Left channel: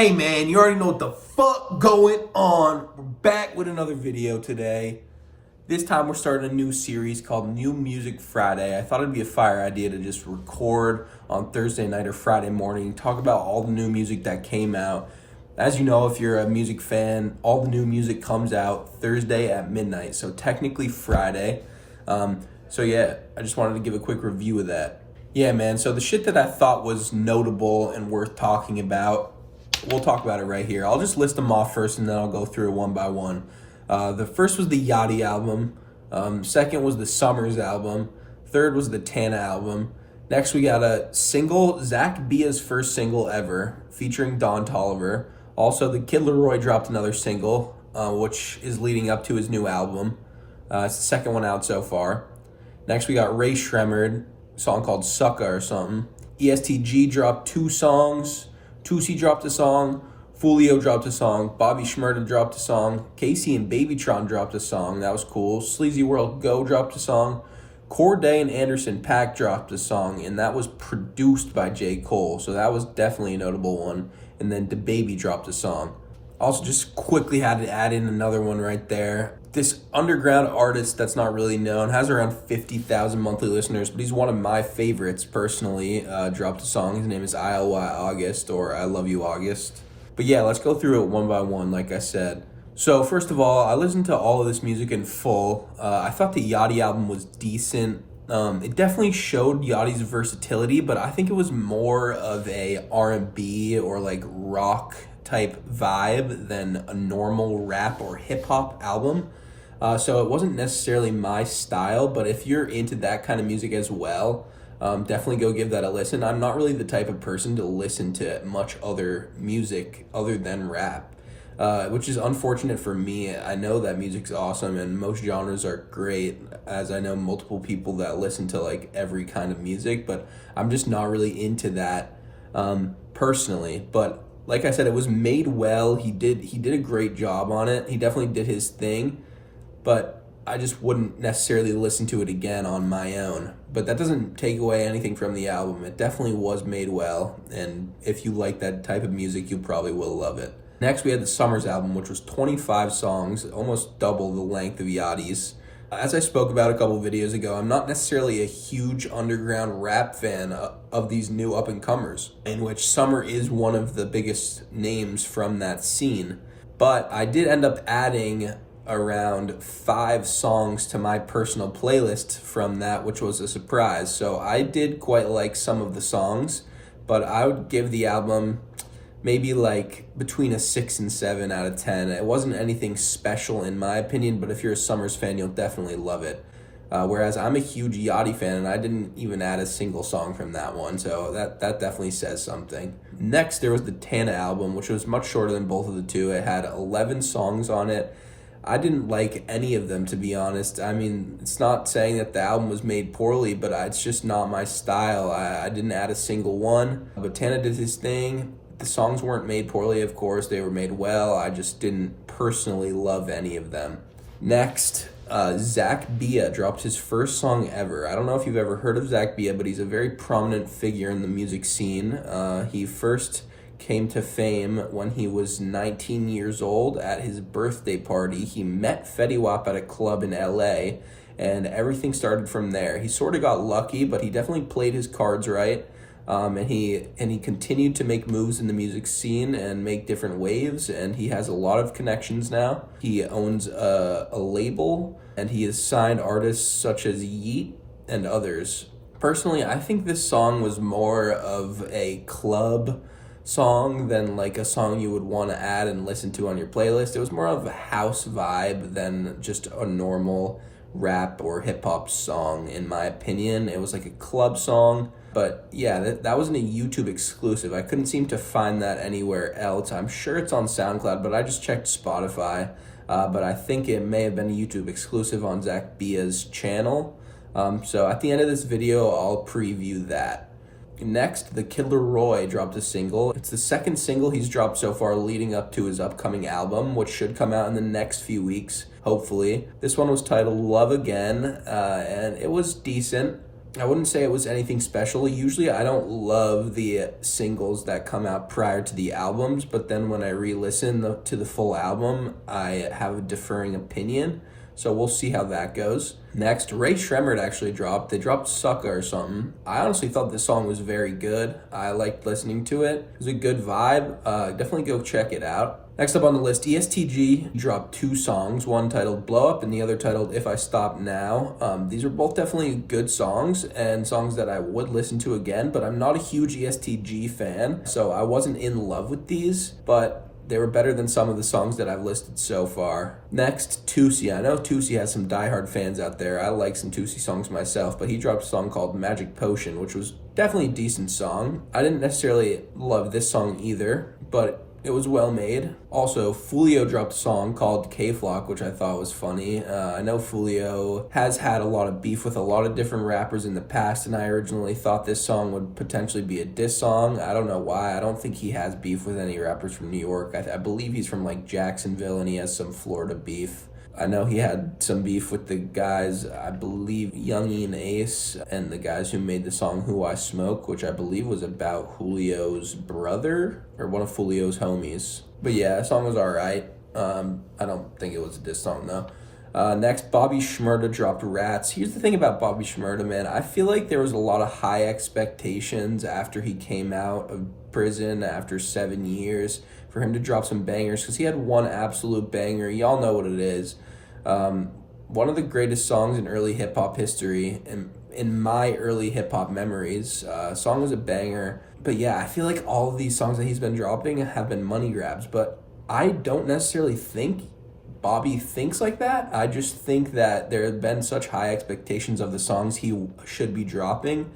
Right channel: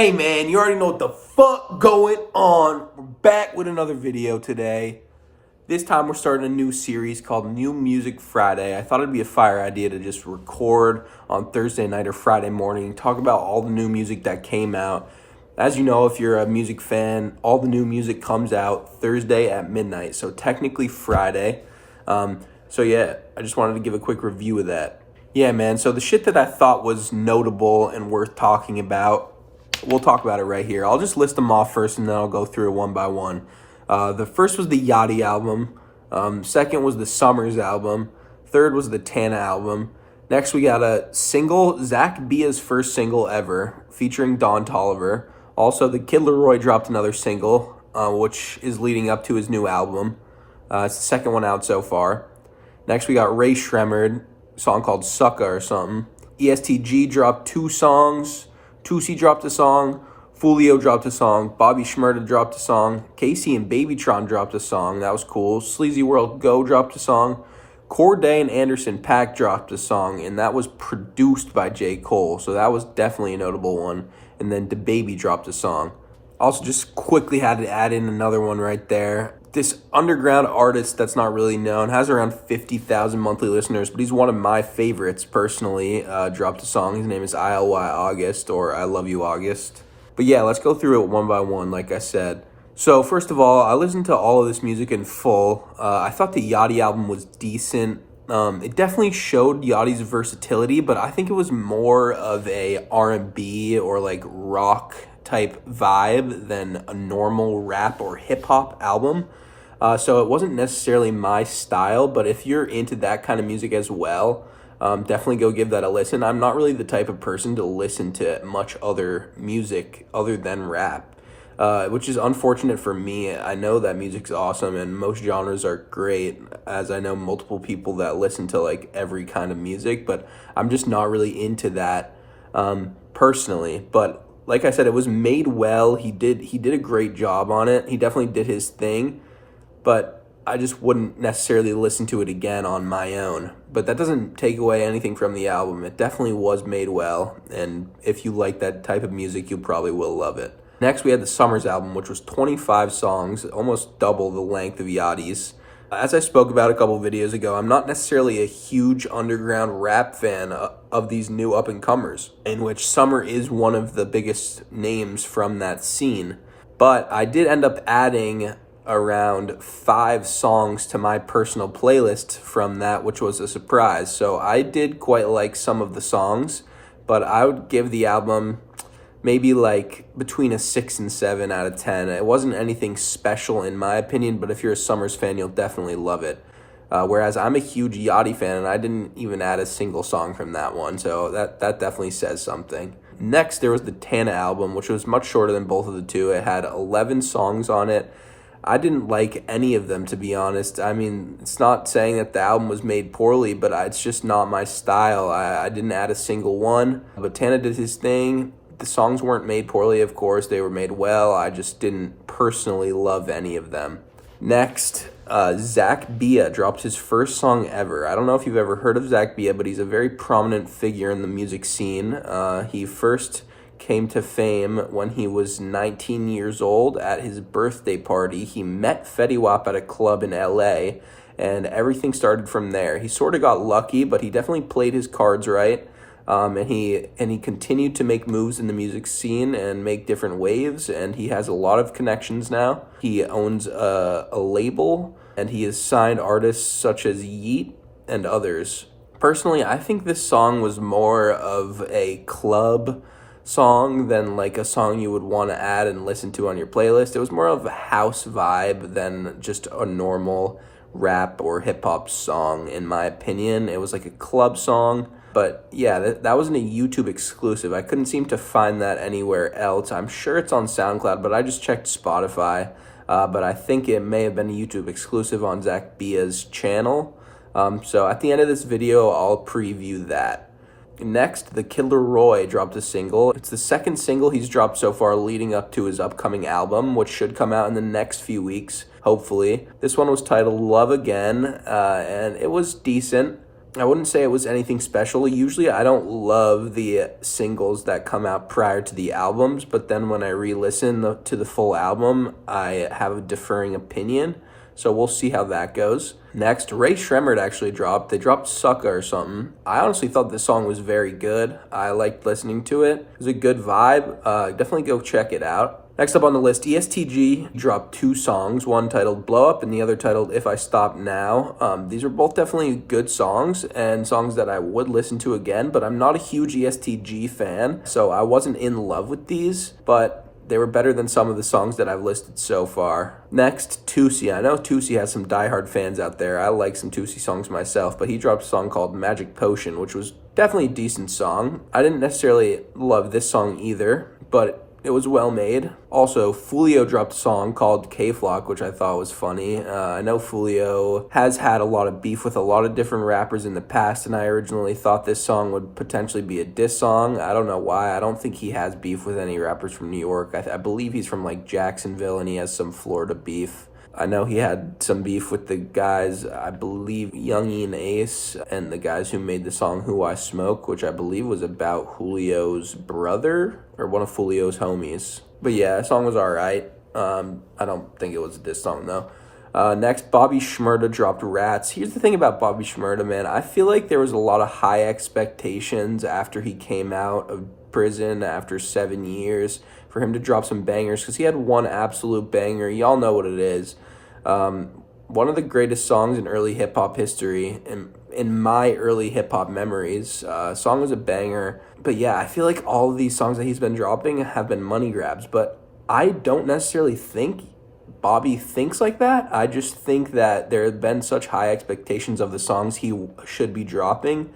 Hey man, you already know what the fuck going on. We're back with another video today. This time we're starting a new series called New Music Friday. I thought it'd be a fire idea to just record on Thursday night or Friday morning, talk about all the new music that came out. As you know, if you're a music fan, all the new music comes out Thursday at midnight, so technically Friday. So yeah, I just wanted to give a quick review of that. Yeah man, so the shit that I thought was notable and worth talking about, we'll talk about it right here. I'll just list them off first and then I'll go through it one by one. The first was the Yachty album. Second was the Summers album. Third was the Tana album. Next we got a single, Zach Bia's first single ever, featuring Don Toliver. Also, the Kid Laroi dropped another single, which is leading up to his new album. It's the second one out so far. Next we got Ray Shremmerd, a song called Sucka or something. ESTG dropped 2 songs. Tusi dropped a song, Fulio dropped a song, Bobby Shmurda dropped a song, Casey and Babytron dropped a song, that was cool. Sleazy World Go dropped a song, Corday and Anderson .Paak dropped a song, and that was produced by J. Cole, so that was definitely a notable one. And then DaBaby dropped a song. Also, just quickly had to add in another one right there. This underground artist that's not really known, has around 50,000 monthly listeners, but he's one of my favorites personally, dropped a song. His name is ILY August, or I Love You August. But yeah, let's go through it one by one, like I said. So first of all, I listened to all of this music in full. I thought the Yachty album was decent. It definitely showed Yachty's versatility, but I think it was more of a R&B or like rock type vibe than a normal rap or hip hop album. So it wasn't necessarily my style, but if you're into that kind of music as well, definitely go give that a listen. I'm not really the type of person to listen to much other music other than rap, which is unfortunate for me. I know that music's awesome and most genres are great, as I know multiple people that listen to like every kind of music, but I'm just not really into that personally. But like I said, it was made well. He did a great job on it. He definitely did his thing, but I just wouldn't necessarily listen to it again on my own. But that doesn't take away anything from the album. It definitely was made well, and if you like that type of music, you probably will love it. Next, we had the Summers album, which was 25 songs, almost double the length of Yachty's. As I spoke about a couple videos ago, I'm not necessarily a huge underground rap fan of these new up-and-comers, in which Summer is one of the biggest names from that scene. But I did end up adding around 5 songs to my personal playlist from that, which was a surprise. So I did quite like some of the songs, but I would give the album maybe like between a 6 and 7 out of 10. It wasn't anything special in my opinion, but if you're a Summers fan, you'll definitely love it. Whereas I'm a huge Yachty fan, and I didn't even add a single song from that one, so that definitely says something. Next, there was the Tana album, which was much shorter than both of the two. It had 11 songs on it. I didn't like any of them, to be honest. I mean, it's not saying that the album was made poorly, but it's just not my style. I didn't add a single one, but Tana did his thing. The songs weren't made poorly, of course. They were made well. I just didn't personally love any of them. Next, Zach Bia dropped his first song ever. I don't know if you've ever heard of Zach Bia, but he's a very prominent figure in the music scene. He first came to fame when he was 19 years old at his birthday party. He met Fetty Wap at a club in LA, and everything started from there. He sort of got lucky, but he definitely played his cards right. And he continued to make moves in the music scene and make different waves, and he has a lot of connections now. He owns a label, and he has signed artists such as Yeet and others. Personally, I think this song was more of a club song than like a song you would want to add and listen to on your playlist. It was more of a house vibe than just a normal rap or hip-hop song, in my opinion. It was like a club song. But yeah, that wasn't a YouTube exclusive. I couldn't seem to find that anywhere else. I'm sure it's on SoundCloud, but I just checked Spotify. But I think it may have been a YouTube exclusive on Zach Bia's channel. So at the end of this video, I'll preview that. Next, the Kid Laroi dropped a single. It's the second single he's dropped so far leading up to his upcoming album, which should come out in the next few weeks, hopefully. This one was titled Love Again, and it was decent. I wouldn't say it was anything special. Usually I don't love the singles that come out prior to the albums, but then when I re-listen to the full album, I have a differing opinion. So we'll see how that goes. Next, Ray Shremmerd actually dropped. They dropped Sucka or something. I honestly thought this song was very good. I liked listening to it. It was a good vibe. Definitely go check it out. Next up on the list, ESTG dropped 2 songs, one titled Blow Up and the other titled If I Stop Now. These are both definitely good songs and songs that I would listen to again, but I'm not a huge ESTG fan, so I wasn't in love with these, but they were better than some of the songs that I've listed so far. Next, Tusi. I know Tusi has some diehard fans out there. I like some Tusi songs myself, but he dropped a song called Magic Potion, which was definitely a decent song. I didn't necessarily love this song either, but it was well made. Also, Fulio dropped a song called K-Flock, which I thought was funny. I know Fulio has had a lot of beef with a lot of different rappers in the past, and I originally thought this song would potentially be a diss song. I don't know why. I don't think he has beef with any rappers from New York. I believe he's from like Jacksonville, and he has some Florida beef. I know he had some beef with the guys, I believe Youngie and Ace, and the guys who made the song Who I Smoke, which I believe was about Julio's brother, or one of Julio's homies. But yeah, the song was alright. I don't think it was a diss song though. Next, Bobby Shmurda dropped Rats. Here's the thing about Bobby Shmurda, man. I feel like there was a lot of high expectations after he came out of prison after 7 years for him to drop some bangers, because he had one absolute banger. Y'all know what it is. One of the greatest songs in early hip-hop history, in my early hip-hop memories. Song was a banger. But yeah, I feel like all of these songs that he's been dropping have been money grabs, but I don't necessarily think Bobby thinks like that. I just think that there have been such high expectations of the songs he should be dropping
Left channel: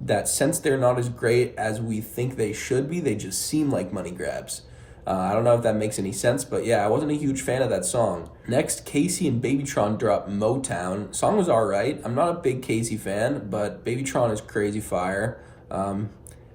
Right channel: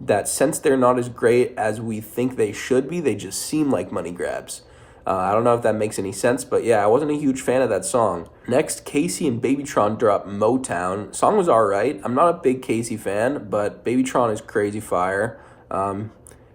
that since they're not as great as we think they should be, they just seem like money grabs. I don't know if that makes any sense, but yeah, I wasn't a huge fan of that song. Next, Casey and Babytron dropped Motown. Song was alright. I'm not a big Casey fan, but Babytron is crazy fire.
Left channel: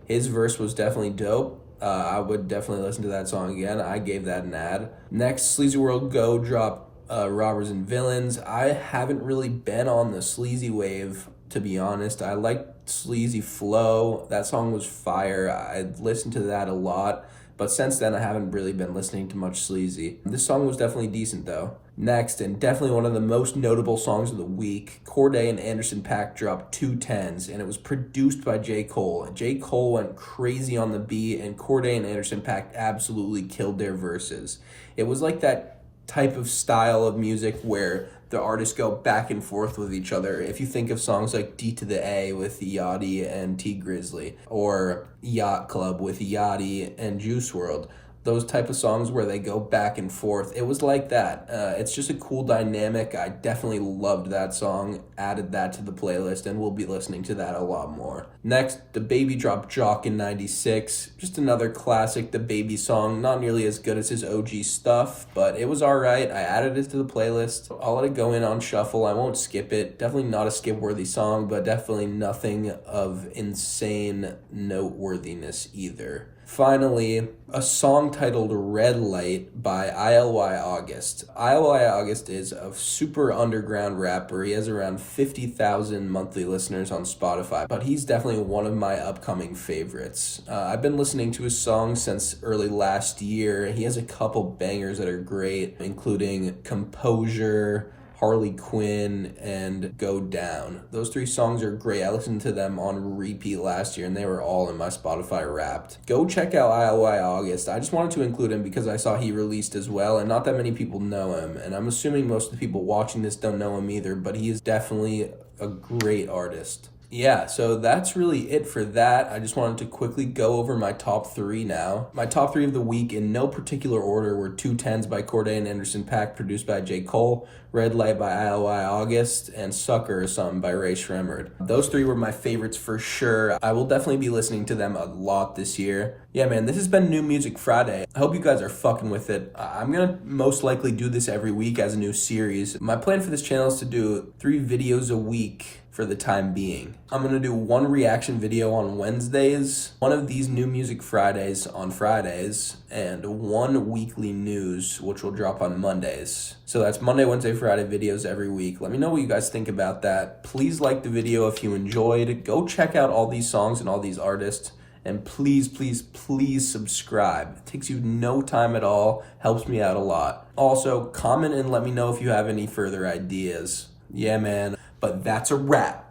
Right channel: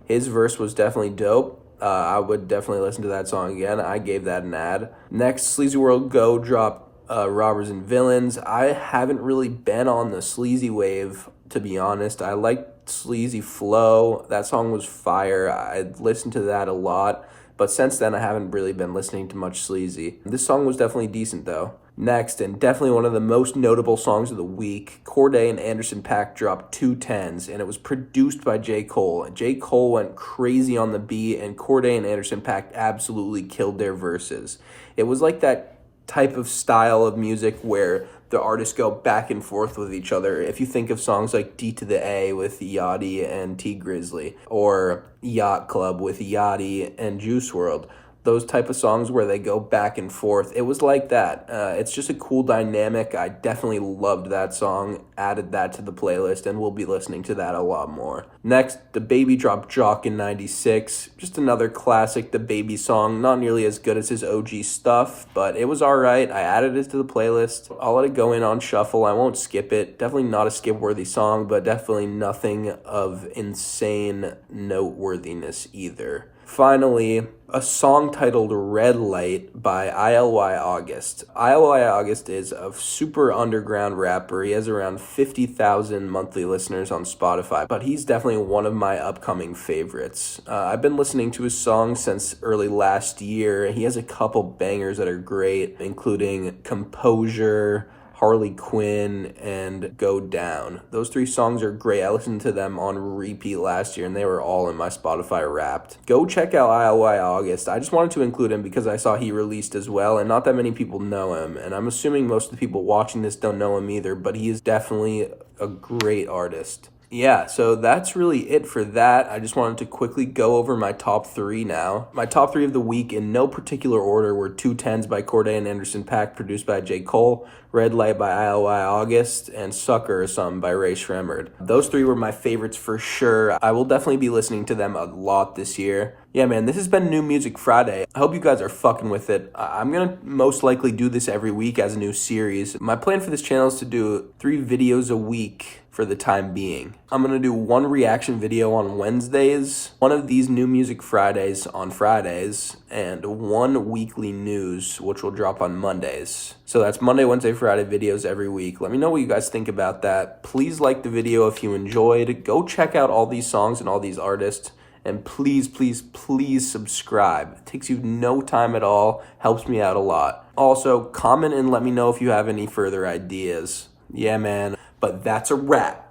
His verse was definitely dope. I would definitely listen to that song again. I gave that an ad. Next, Sleazy World Go dropped Robbers and Villains. I haven't really been on the sleazy wave, to be honest. I liked Sleazy Flow. That song was fire. I listened to that a lot. But since then, I haven't really been listening to much sleazy. This song was definitely decent, though. Next, and definitely one of the most notable songs of the week, Cordae and Anderson .Paak dropped 2 10s, and it was produced by J. Cole. J. Cole went crazy on the beat, and Cordae and Anderson .Paak absolutely killed their verses. It was like that type of style of music where the artists go back and forth with each other. If you think of songs like D to the A with Yachty and T Grizzly, or Yacht Club with Yachty and Juice WRLD, those type of songs where they go back and forth, it was like that. It's just a cool dynamic. I definitely loved that song, added that to the playlist, and we'll be listening to that a lot more. Next, The Baby dropped Jock in 96. Just another classic The Baby song, not nearly as good as his OG stuff, but it was alright. I added it to the playlist. I'll let it go in on shuffle. I won't skip it. Definitely not a skip-worthy song, but definitely nothing of insane noteworthiness either. Finally, a song titled Red Light by ILY August. ILY August is a super underground rapper. He has around 50,000 monthly listeners on Spotify, but he's definitely one of my upcoming favorites. I've been listening to his songs since early last year. He has a couple bangers that are great, including Composure, Harley Quinn, and Go Down. Those 3 songs are great. I listened to them on repeat last year, and they were all in my Spotify Wrapped. Go check out ILY August. I just wanted to include him because I saw he released as well, and not that many people know him, and I'm assuming most of the people watching this don't know him either, but he is definitely a great artist. Yeah, so that's really it for that. I just wanted to quickly go over my top 3 now. My top 3 of the week, in no particular order, were 2 10s by Cordae and Anderson .Paak, produced by J. Cole, Red Light by ILY August, and Sucker or Something by Ray Shremmerd. Those 3 were my favorites for sure. I will definitely be listening to them a lot this year. Yeah, man, this has been New Music Friday. I hope you guys are fucking with it. I'm gonna most likely do this every week as a new series. My plan for this channel is to do 3 videos a week for the time being. I'm gonna do one reaction video on Wednesdays, one of these New Music Fridays on Fridays, and one weekly news, which will drop on Mondays. So that's Monday, Wednesday, Friday videos every week. Let me know what you guys think about that. Please like the video if you enjoyed. Go check out all these songs and all these artists. And please, please, please subscribe. It takes you no time at all, helps me out a lot. Also, comment and let me know if you have any further ideas. Yeah, man. But that's a wrap.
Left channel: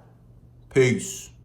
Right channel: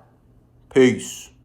Peace.